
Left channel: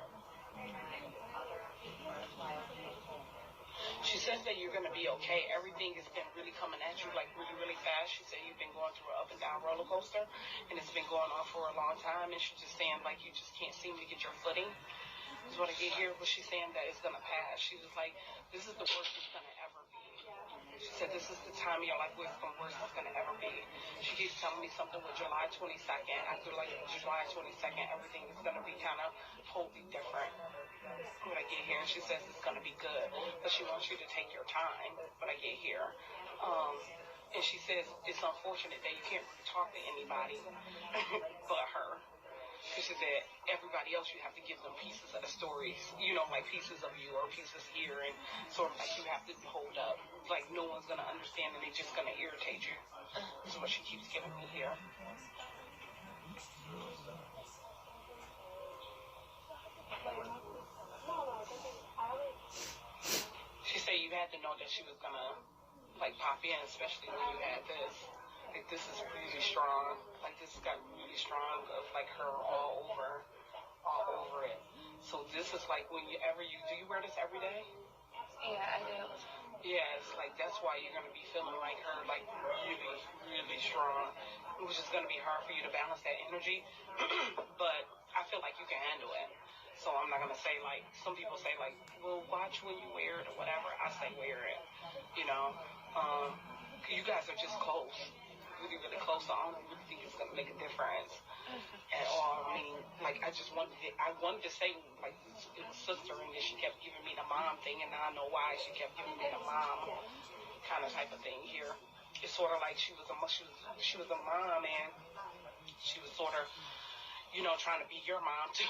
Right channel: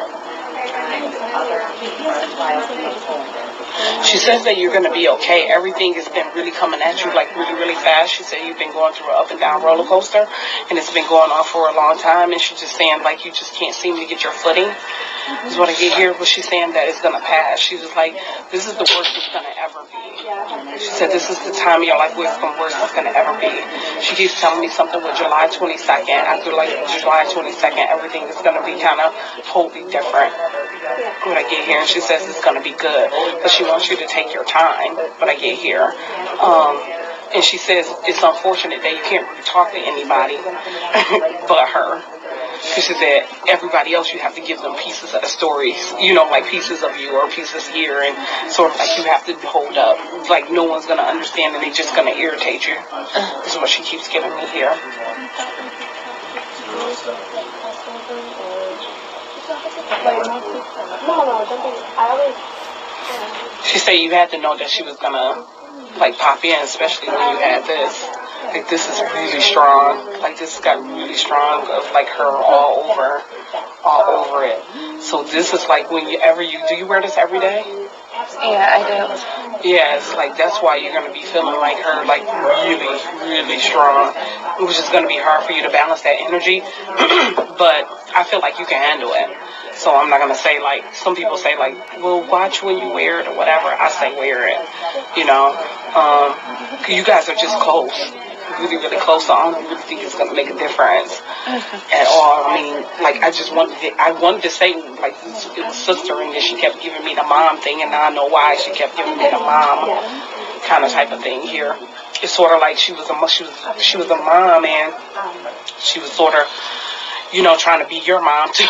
She says that you're going to be okay. Everything has been really coming at you like really, really fast. She said you've been going through an up and down roller coaster, and it's been going on for a long time. And she's just saying like you just can't seem to get your footing. Is what I get here. But she's saying that it's going to pass. She was like, this is the worst it's going to ever be. She said this is the time of your life where it's the worst it's going to ever be. She keeps telling me something with July 22nd. After like July 22nd, everything is going to be kind of totally different. When I get here, and she says it's going to be good, but she wants you to take your time. When I get here, and she says it's unfortunate that you can't really talk to anybody but her. Because she said everybody else you have to give them pieces of the stories, you know, like pieces of you or pieces here, and sort of like you have to hold up. Like no one's going to understand, and they're just going to irritate you. This is what she keeps giving me here. She said you had to know that she was going to like pop in, especially when you had this. Like this is really strong. Like this got really strong of like her all over it. So this is like whenever you do you wear this every day? Yeah, I do. Yeah, it's like that's why you're gonna be feeling like her, like really, really strong, which is gonna be hard for you to balance that energy. But I feel like you can handle it. So I'm not gonna say like some people say like, well, watch when you wear it or whatever. I say wear it. You know, you guys are just close, really, really close. So I don't really think it's gonna make a difference at all. I mean, like I wanted to say like it was sister, and then she kept giving me the mom thing, and now I know why she kept giving me the mom kind of type of thing here. It's sort of like she was a mom, and she was sort of, you know, trying to be your mom too,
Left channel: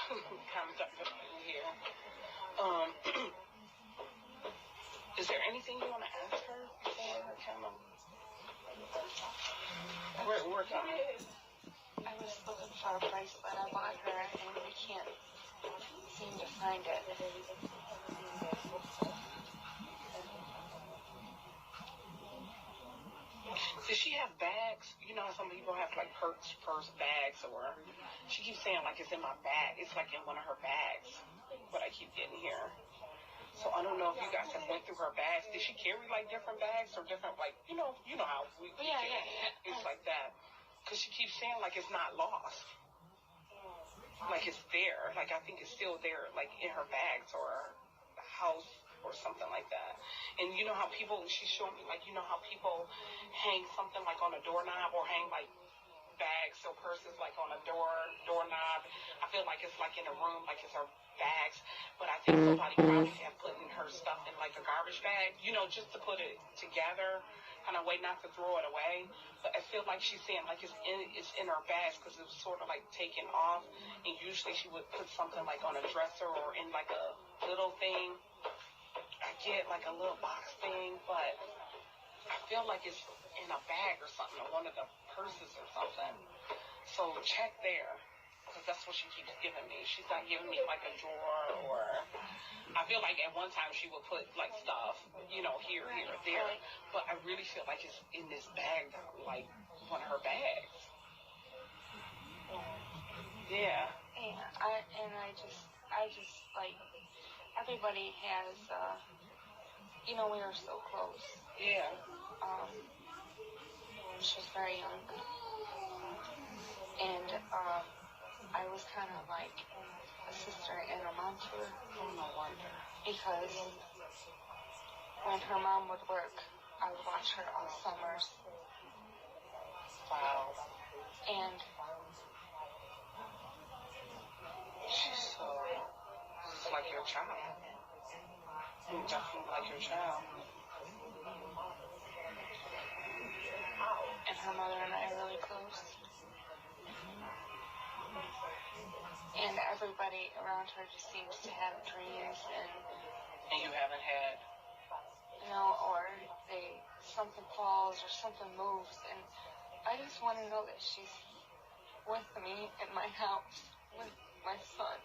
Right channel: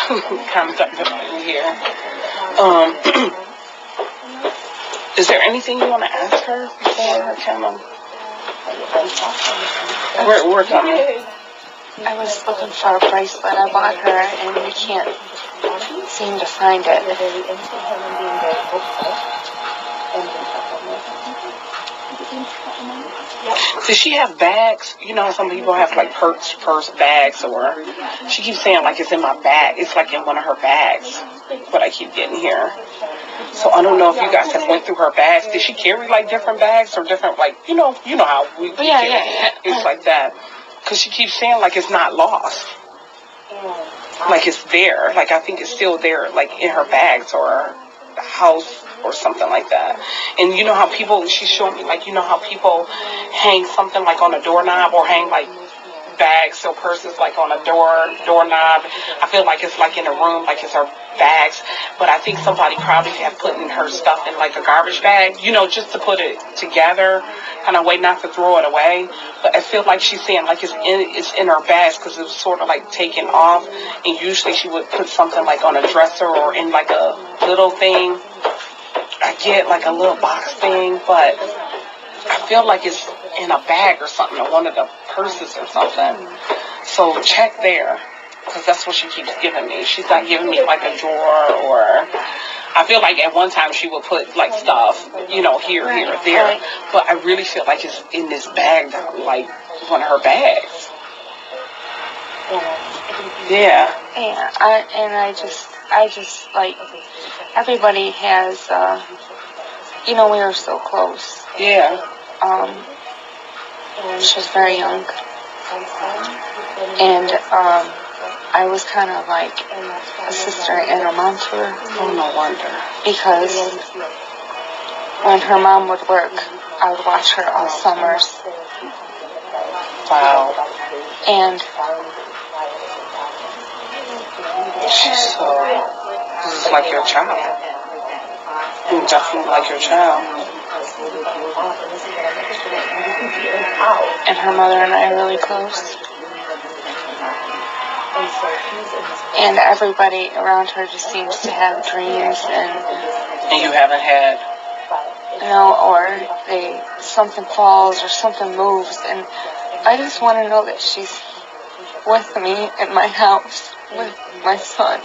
kind of type of thing here. Is there anything you want to ask her before her kind of? We're coming. I was looking for a bracelet. I bought her, and we can't seem to find it. Does she have bags? You know, some people have like purse bags, or she keeps saying like it's in my bag. It's like in one of her bags. What I keep getting here. So I don't know if you guys have went through her bags. Did she carry like different bags or different like you know how we carry it. It's like that. Because she keeps saying like it's not lost. Like it's there. Like I think it's still there, like in her bags or the house or something like that. And you know how people, she showed me like, you know how people hang something like on a doorknob or hang like bags or purses like on a doorknob. I feel like it's like in a room, like it's her bags. But I think somebody probably have put in her stuff in like a garbage bag, you know, just to put it together, kind of way not to throw it away. But I feel like she's saying like it's in her bags because it was sort of like taken off. And usually she would put something like on a dresser or in like a little thing. I get like a little box thing, but I feel like it's in a bag or something, or one of the purses or something. So check there, because that's what she keeps giving me. She's not giving me like a drawer, or I feel like at one time she would put like stuff, you know, here, there. But I really feel like it's in this bag, like one of her bags. Yeah. Yeah, I just like, everybody has, you know, we were so close. Yeah. She was very young. And, I was kind of like a sister and a mom to her. Oh, no wonder. Because when her mom would work, I would watch her all summers. Wow. And so, this is like your child. Definitely like your child. and her mother and I are really close. And everybody around her just seems to have dreams And you haven't had. or something falls or something moves, and I just want to know that she's with me in my house with my son.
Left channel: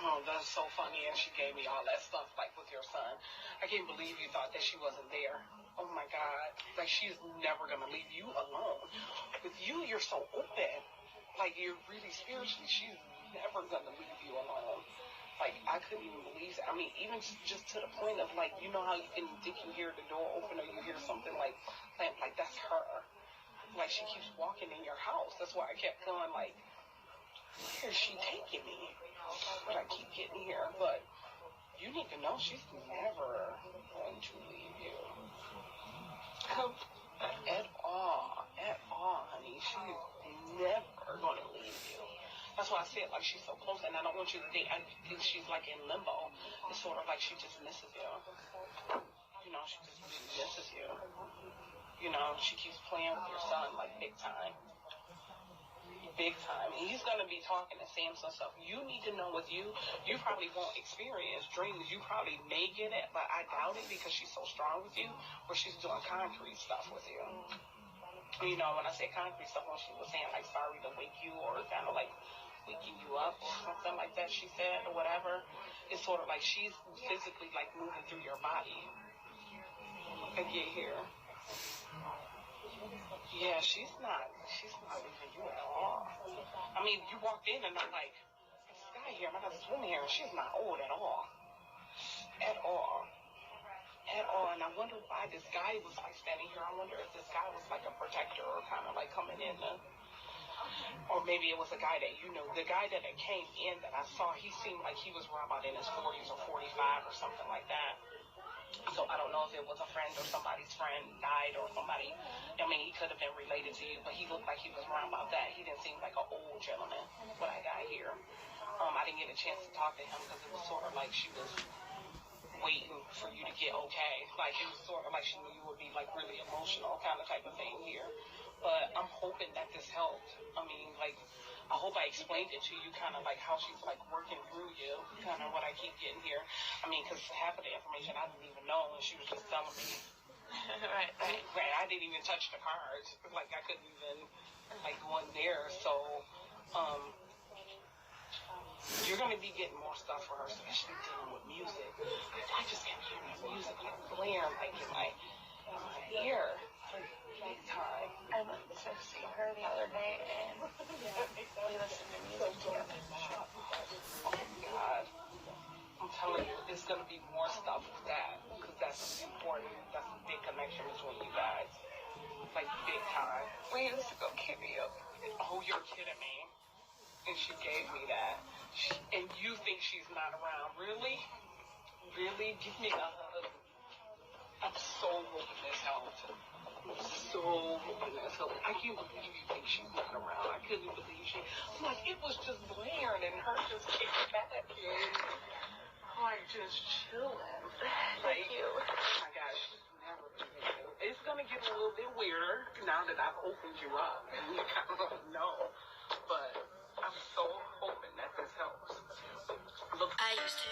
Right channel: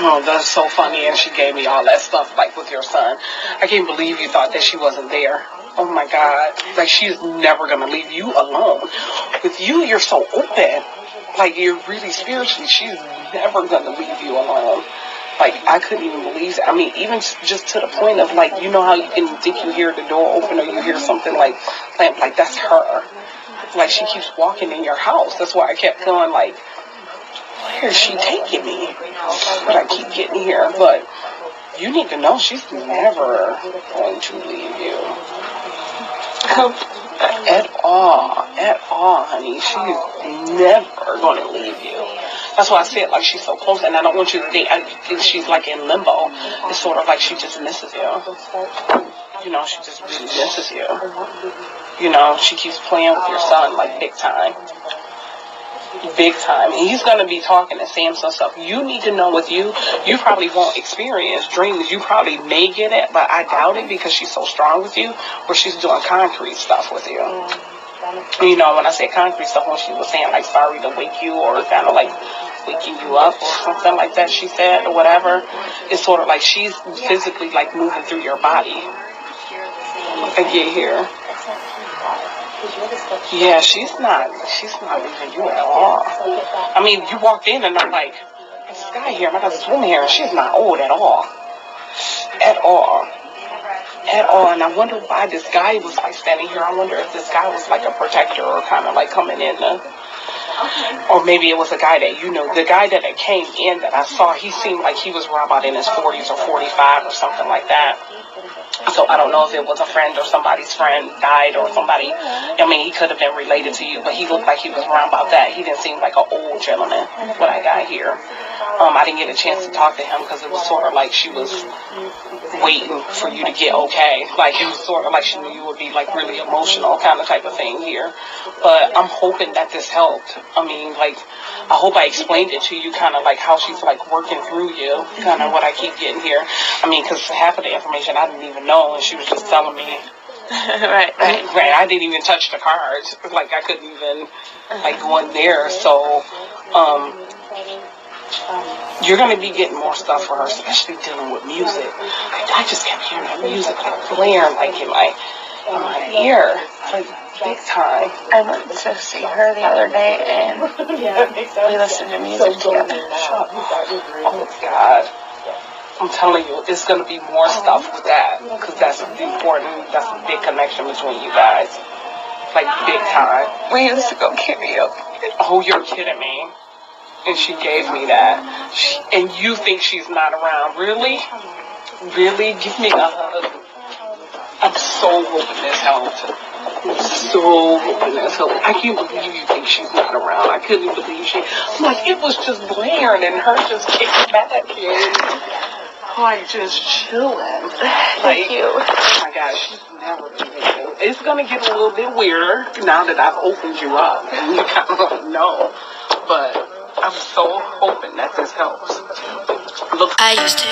Oh, that's so funny. And she gave me all that stuff, like with your son. I can't believe you thought that she wasn't there. Oh my God. Like, she's never going to leave you alone. With you, you're so open. Like, you're really spiritually. She's never going to leave you alone. Like, I couldn't even believe it. I mean, even just to the point of, like, you know how you can think you hear the door open or you hear something like that's her. Like, she keeps walking in your house. That's why I kept feeling like, where is she taking me? But I keep getting here. But you need to know she's never going to leave you. At all, honey. She's never going to leave you. That's why I said, like, she's so close, and I don't want you to think, I think she's, like, in limbo. It's sort of like she just misses you. You know, she just really misses you. You know, she keeps playing with your son, like, big time. Big time. And he's going to be talking and saying some stuff. You need to know with you probably won't experience dreams. You probably may get it, but I doubt it because she's so strong with you, where she's doing concrete stuff with you. You know, when I say concrete stuff, when she was saying, like, sorry to wake you, or kind of like waking you up or something like that, she said, or whatever, it's sort of like she's physically, like, moving through your body. I get here. Yeah, she's not leaving you at all. I mean, you walked in and I'm like, there's this guy here, I got this woman here, and she's not old at all. At all. at all. And I wonder why this guy was like standing here. I wonder if this guy was like a protector or kind of like coming in to, or maybe it was a guy that, the guy that came in that I saw, he seemed like he was around about in his 40s or 45 or something like that. So I don't know if it was a friend or somebody's friend died or somebody. I mean, he could have been related to you, but he looked like he was around about that. He didn't seem like an old gentleman when I got here. I didn't get a chance to talk to him because it was sort of like she was waiting for you to get okay. Like, it was sort of like she knew you would be like really emotional kind of type of thing here. But I'm hoping that this helped. I mean, like, I hope I explained it to you kind of like how she's like working through you, kind of what I keep getting here. I mean, because half of the information I didn't even know, and she was just telling me. Right. I didn't even touch the cards. Like, I couldn't even like go in there. So, you're going to be getting more stuff for her, especially dealing with music. I just kept hearing her music like blaring like in my ear, like big time. I went to see her the other day, and we listened to music together. Oh, God. I'm telling you, it's going to be more stuff with that, because that's important. That's a big connection between you guys. Like, big time. We used to go karaoke. Oh, you're kidding me. And she gave me that. And you think she's not around. Really? Really? Give me a hug. I'm so hoping this helped. I'm so hoping this helped. I can't believe you think she's not around. I couldn't believe I'm like, it was just blaring and her just kicking back and like just chilling. Thank you. Oh my gosh, she's never been here. It's gonna get a little bit weirder now that I've opened you up and you kind of know. But I'm so hoping that this helps. Look. I used to